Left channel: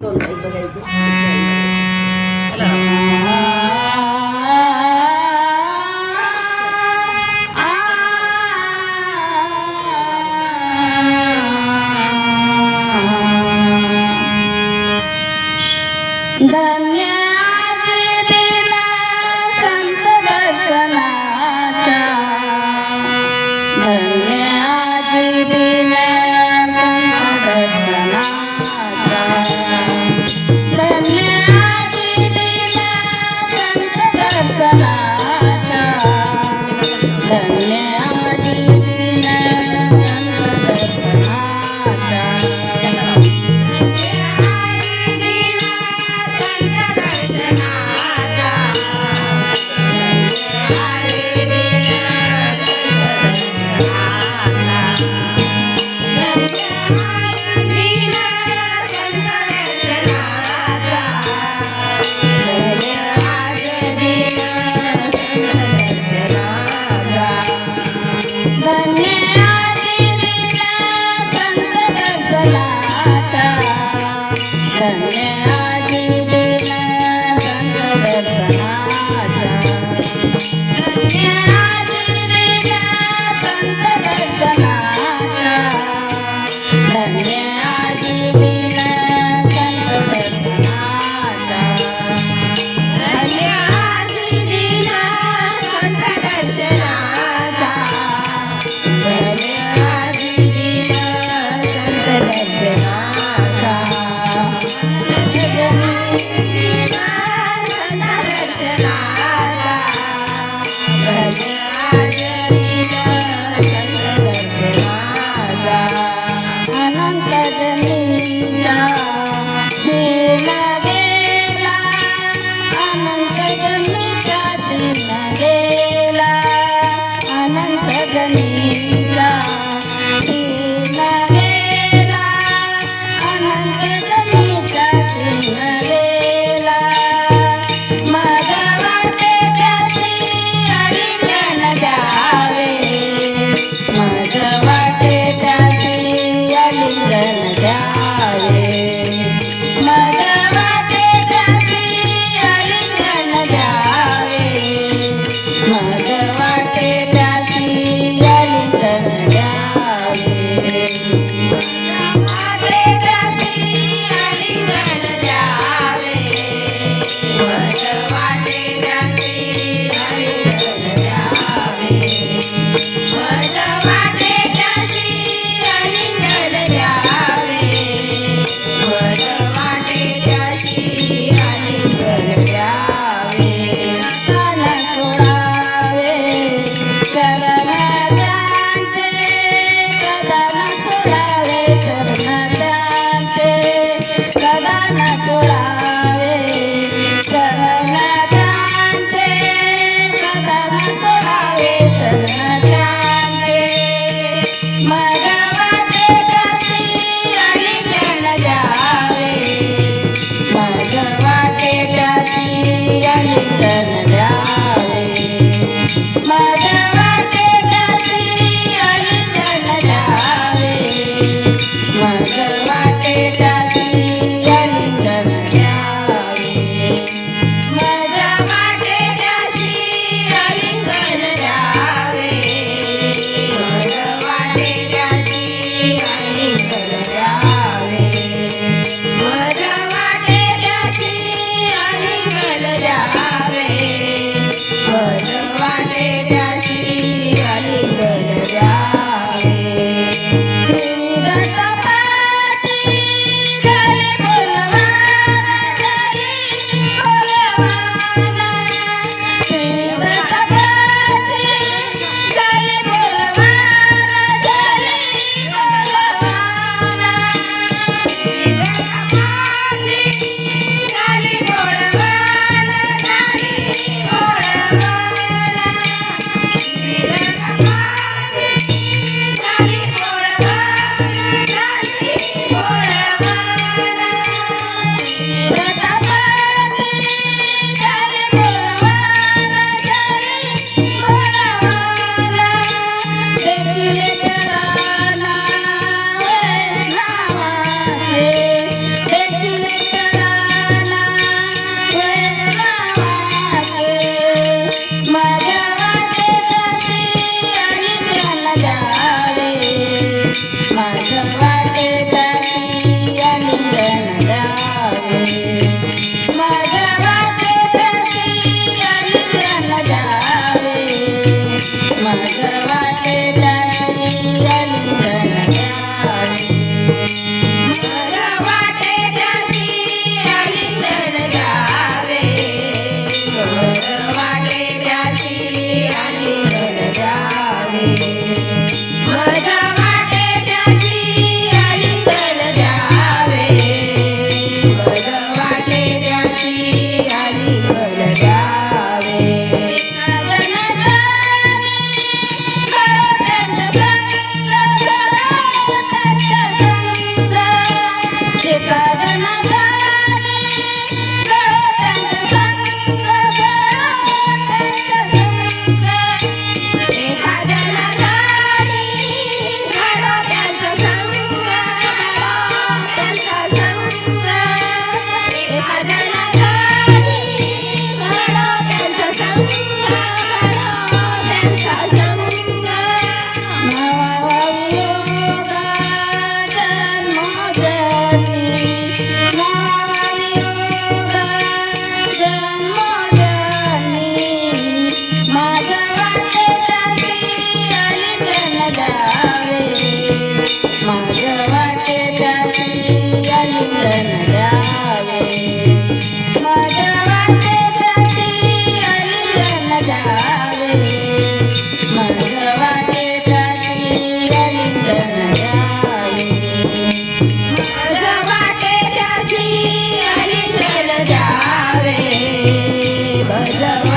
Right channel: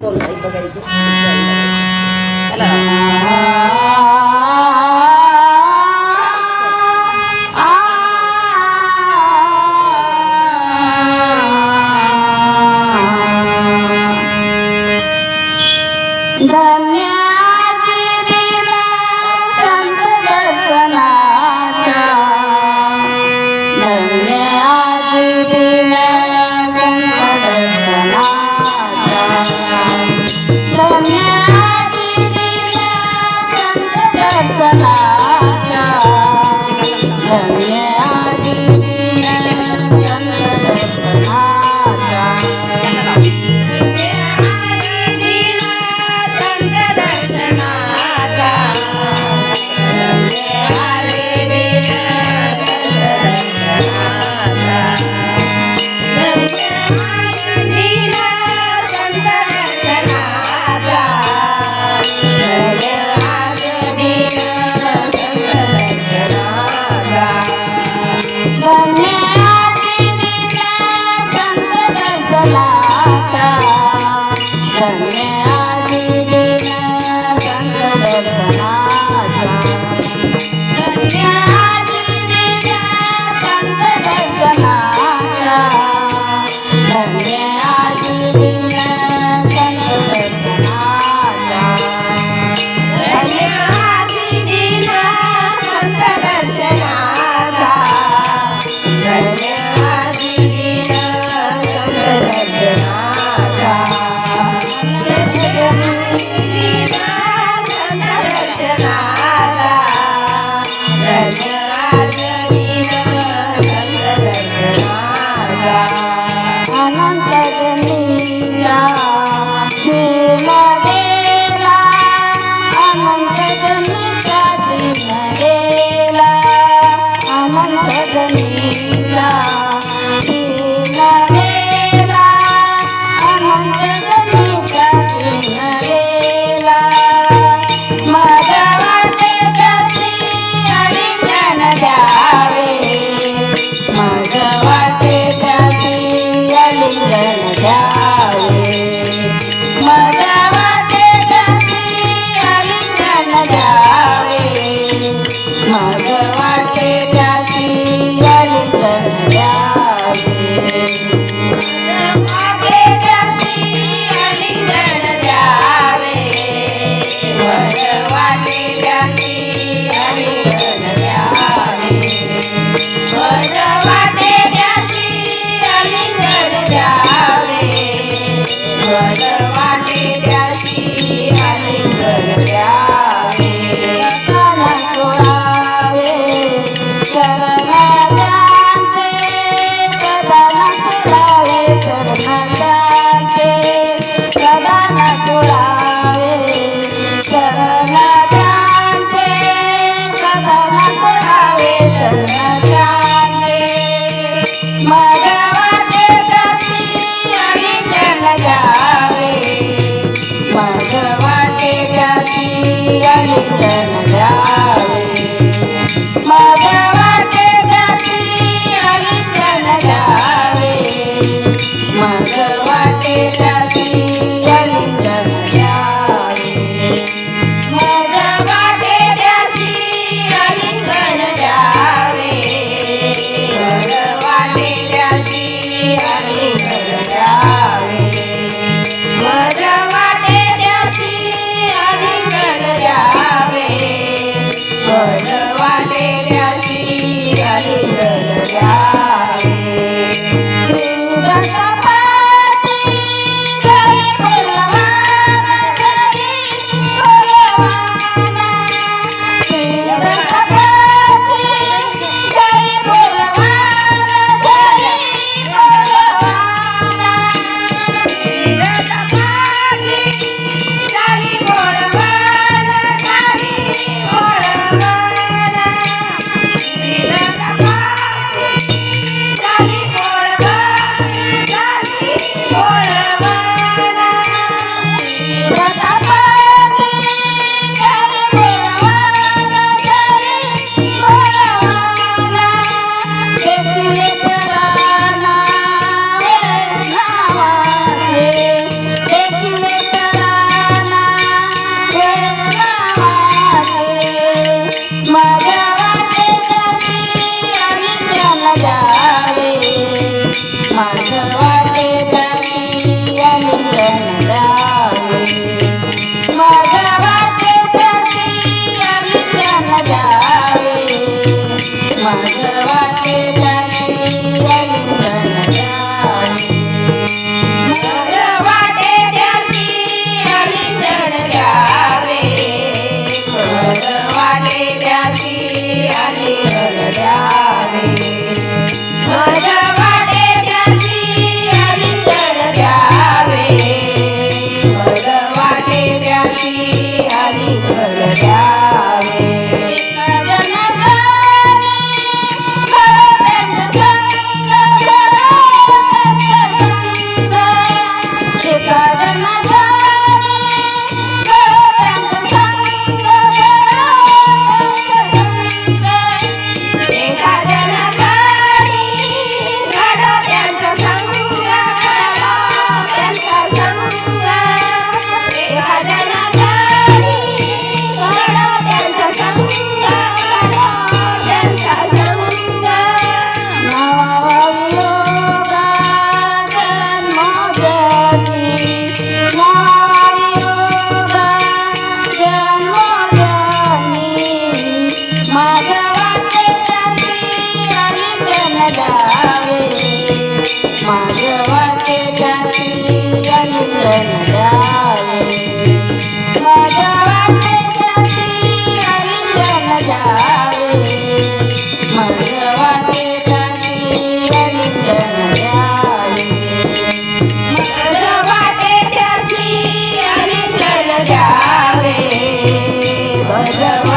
Gold ఉపయోగించి ఎలా Then Thank you. my Yeah.